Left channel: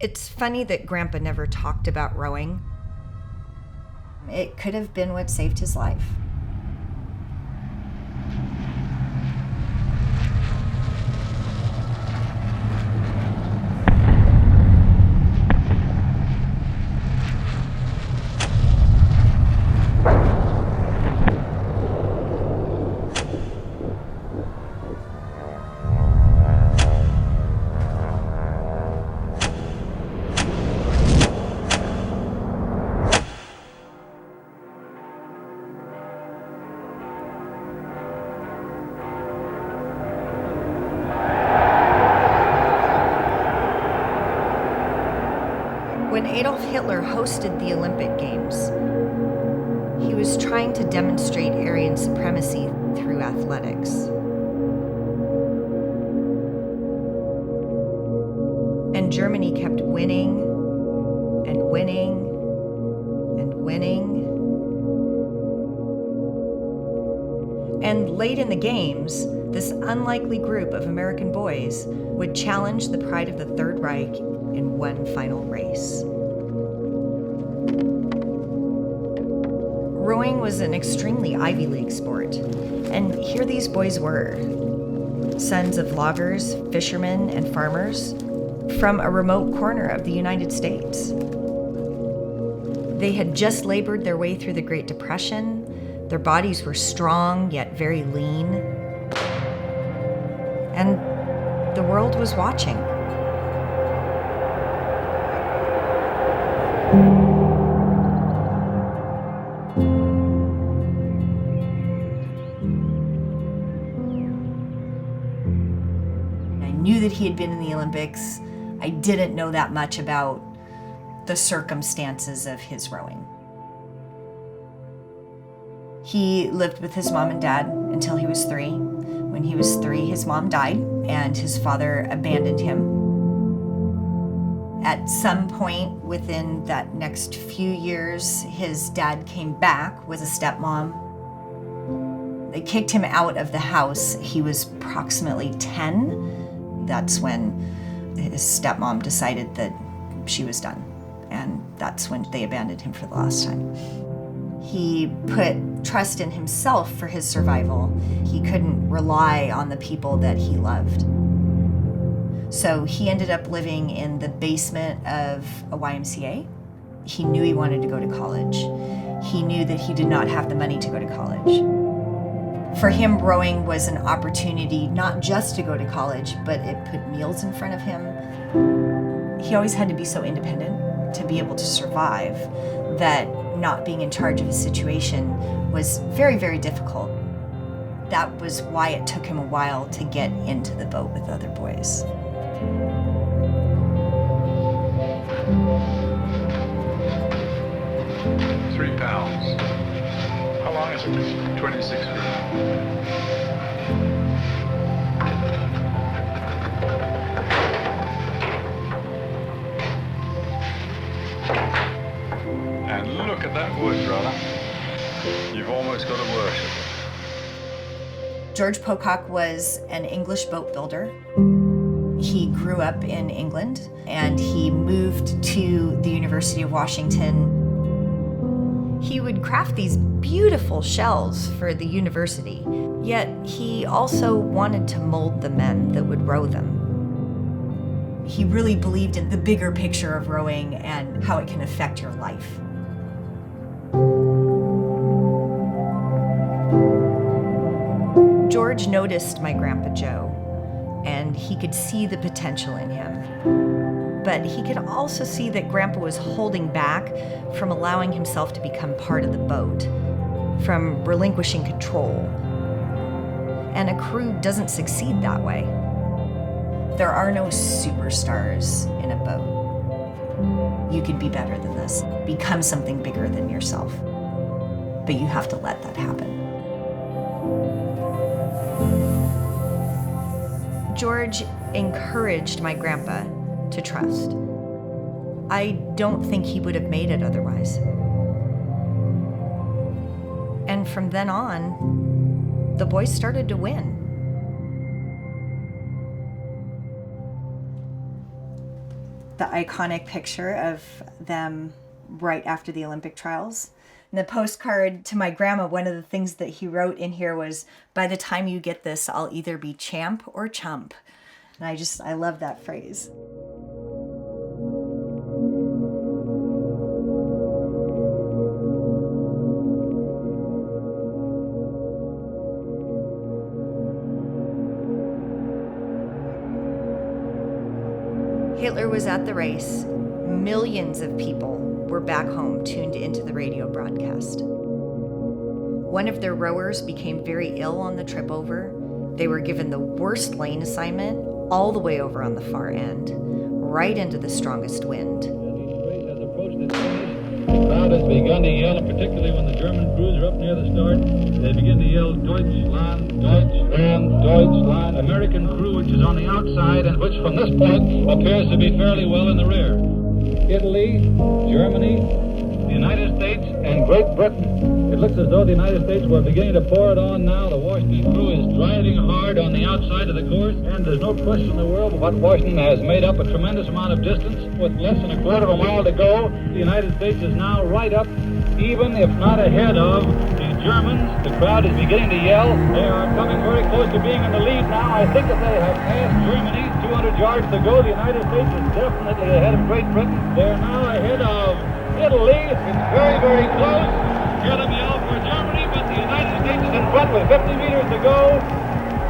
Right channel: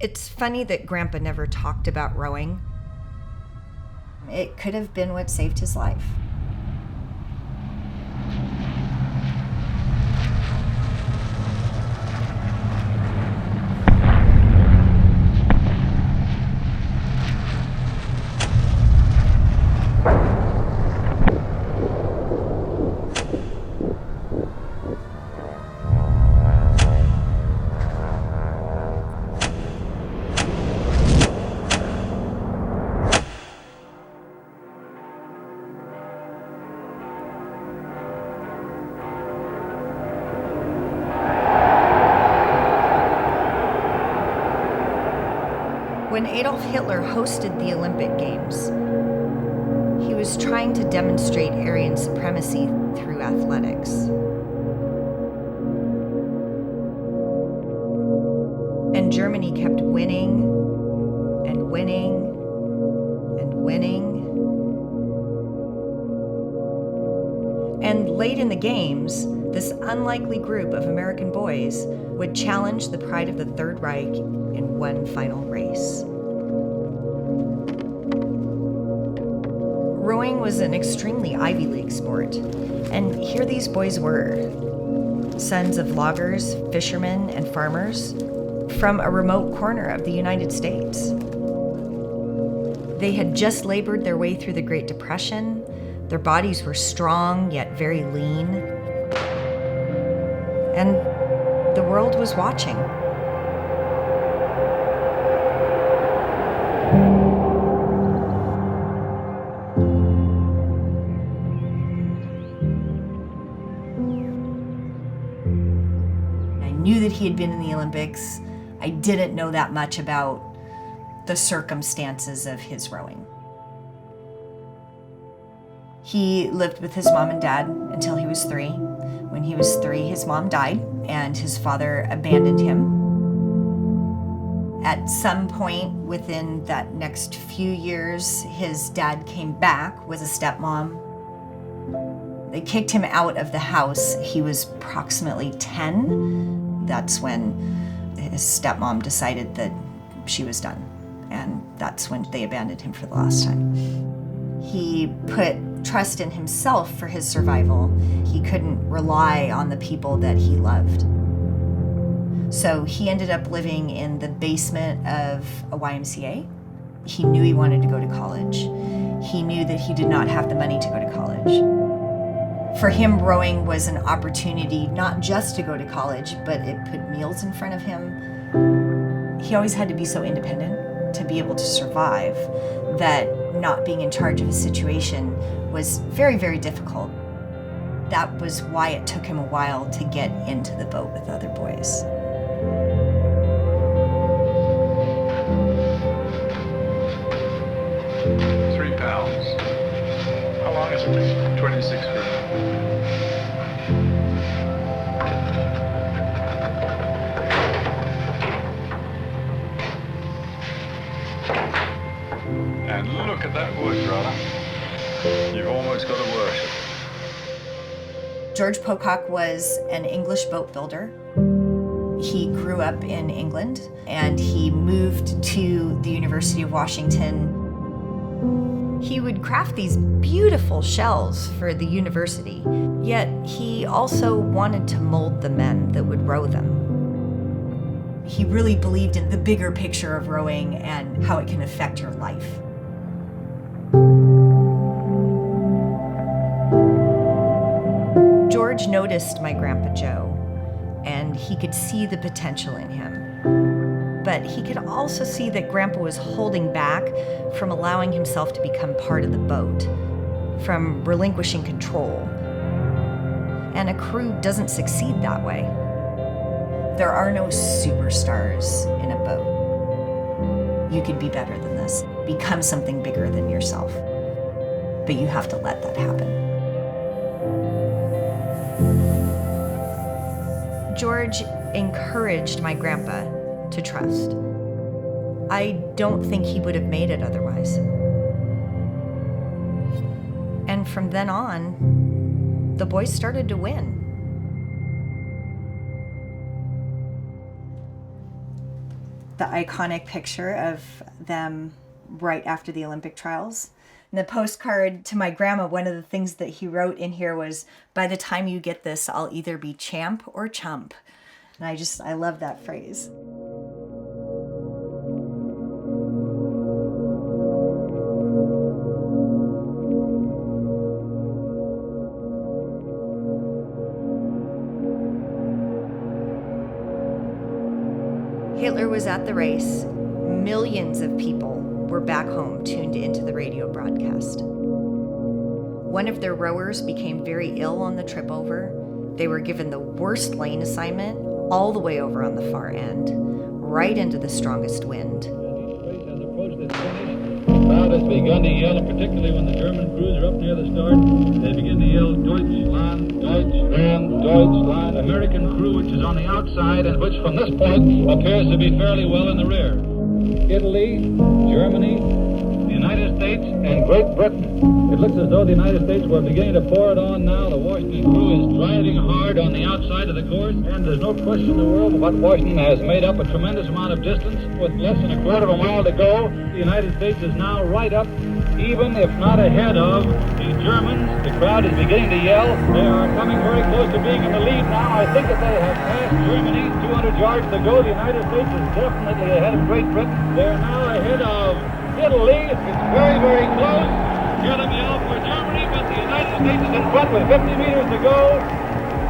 It's funny that Grandpa never talked about rowing. It could have been what saved his life. When Adolf Hitler hosted the Olympic Games, he was trying to demonstrate Aryan supremacy through athletics. And Germany kept winning and winning and winning. And late in the games, this unlikely group of American boys would challenge the pride of the Third Reich in one final race. Rowing was an extremely Ivy League sport, and here these boys were, sons of loggers, fishermen, and farmers from a remote corner of the United States. They had just labored their way through the Great Depression. Their bodies were strong yet very lean, and the world was watching. I knew that he had been in the Olympics. I didn't know that much about the circumstances of his rowing. He lived with his mom and dad until he was 3. When he was 3, his mom died and his father abandoned him. At some point within that next few years, his dad came back with a stepmom. They kicked him out of the house. He was approximately 10. That's when his stepmom decided that she was done. And that's when they abandoned him for the last time. He put trust in himself for his survival. He couldn't rely on the people that he loved. So he ended up living in the basement of a YMCA. He knew he wanted to go to college. He knew that he did not have the money to go to college. For him, rowing was an opportunity not just to go to college, but it put meals in front of him. He always had to be so independent to be able to survive that not being in charge of his situation was very, very difficult. That was why it took him a while to get into the boat with other boys. £3. How long is it? 26 feet. And look at that wood, brother. You've almost got to worship it. George Pocock was an English boat builder. He grew up in England and he moved to the University of Washington. He would craft these beautiful shells for the university, yet he also wanted to mold the men that would row them. He really believed in the bigger picture of rowing and how it can affect your life. George noticed my Grandpa Joe, and he could see the potential in him. But he could also see that Grandpa was holding back from allowing himself to become part of the boat, from relinquishing control. And a crew doesn't succeed that way. There are no superstars in a boat. You could be better than this, become something bigger than yourself. But you have to let that happen. George encouraged my grandpa to trust. I don't think he would have made it otherwise. And from then on, the boys started to win. the iconic picture of them right after the Olympic trials. And the postcard to my grandma, one of the things that he wrote in here was, "By the time you get this, I'll either be champ or chump." And I love that phrase. Hitler was at the race. Millions of people were back home tuned into the radio broadcast. One of their rowers became very ill on the trip over. They were given the worst lane assignment all the way over on the far end, right into the strongest wind. As each race has approached its finish, the crowd has begun to yell, and particularly when the German crews are up near the start, they begin to yell, Deutschland, Deutschland, Deutschland. American crew, which is on the outside and which from this point appears to be fairly well in the rear. Italy, Germany, the United States, and Great Britain. It looks as though the United States were beginning to pour it on now. The Washington crew is driving hard on the outside of the course, and there's no question in the world but Washington has made up a tremendous amount of distance. With less than a quarter of a mile to go, the United States is now right up, even if not ahead of the Germans. The crowd is beginning to yell. They are coming very close to being in the lead now. I think that they have passed Germany. 200 yards to go. The United States is definitely ahead of Great Britain. They're now ahead of Italy. It's very, very close. Hear them yell for Germany, but the United States is in front with 50 meters to go.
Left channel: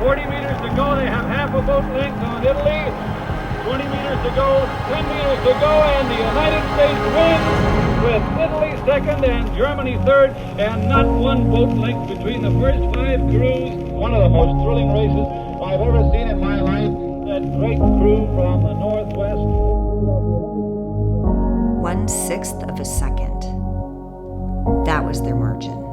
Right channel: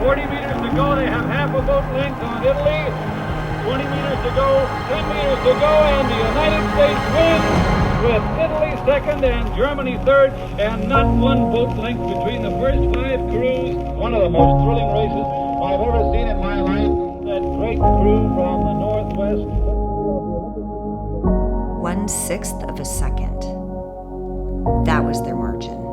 40 meters to go. They have half a boat length on Italy. 20 meters to go. 10 meters to go, and the United States wins with Italy second and Germany third, and not one boat length between the first 5 crews. One of the most thrilling races I've ever seen in my life. That great crew from the Northwest. 1/6 of a second. That was their margin.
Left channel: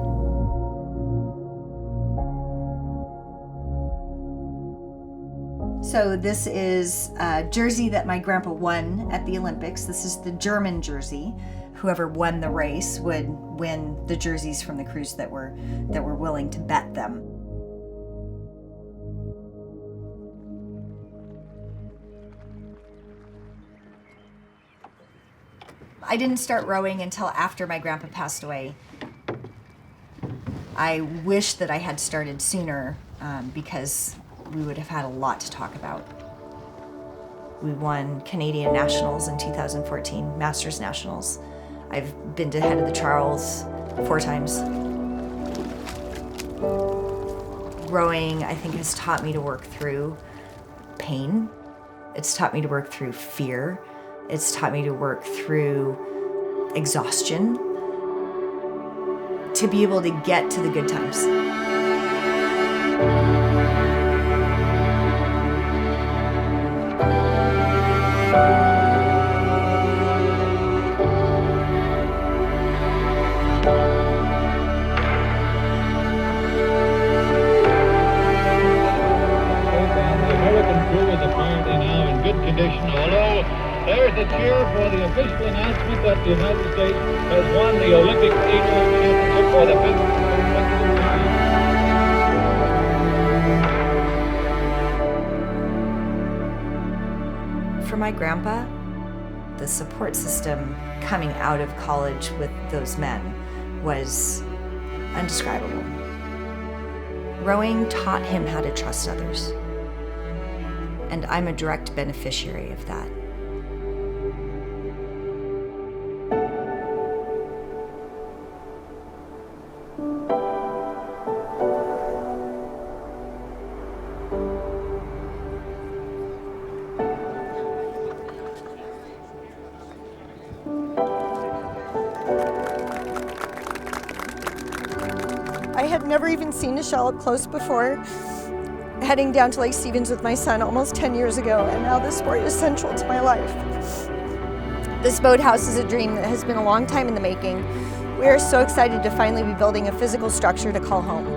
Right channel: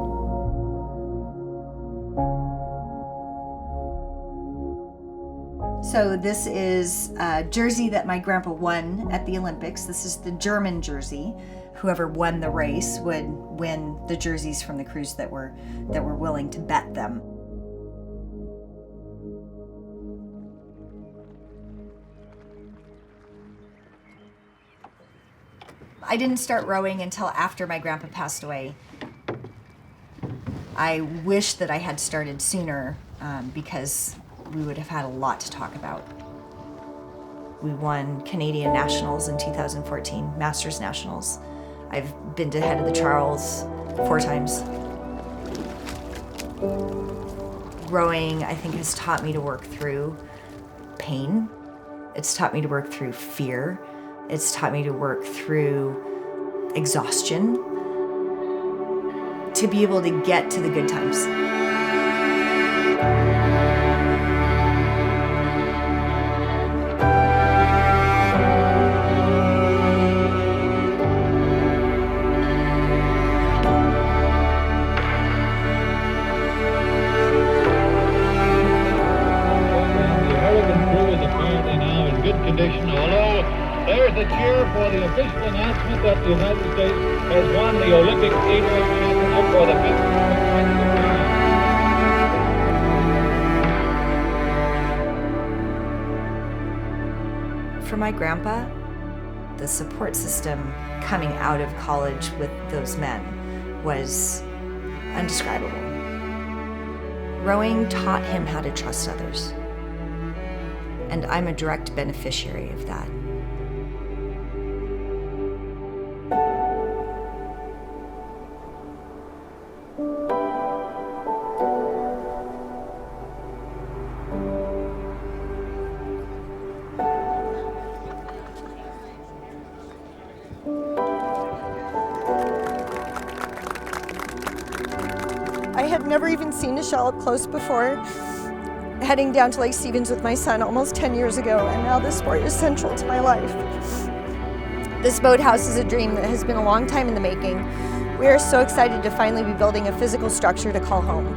So this is a jersey that my grandpa won at the Olympics. This is the German jersey. Whoever won the race would win the jerseys from the crews that were willing to bet them. I didn't start rowing until after my grandpa passed away. I wish that I had started sooner because we would have had a lot to talk about. We won Canadian Nationals in 2014, Masters Nationals. I've been to Head of the Charles 4 times. Rowing, I think, has taught me to work through pain. It's taught me to work through fear. It's taught me to work through exhaustion to be able to get to the good times. Apparently now in good condition, although there's the cheer for the official announcement that the United States has won the Olympic Age-old championship for the 5th consecutive time. For my grandpa, the support system coming out of college with those men was indescribable. Rowing taught him how to trust others. And I'm a direct beneficiary of that. I had never even seen a shell up close before. Heading down to Lake Stevens with my son almost 10 years ago, and now this sport is central to my life. This boathouse is a dream that has been a long time in the making. We are so excited to finally be building a physical structure to call home.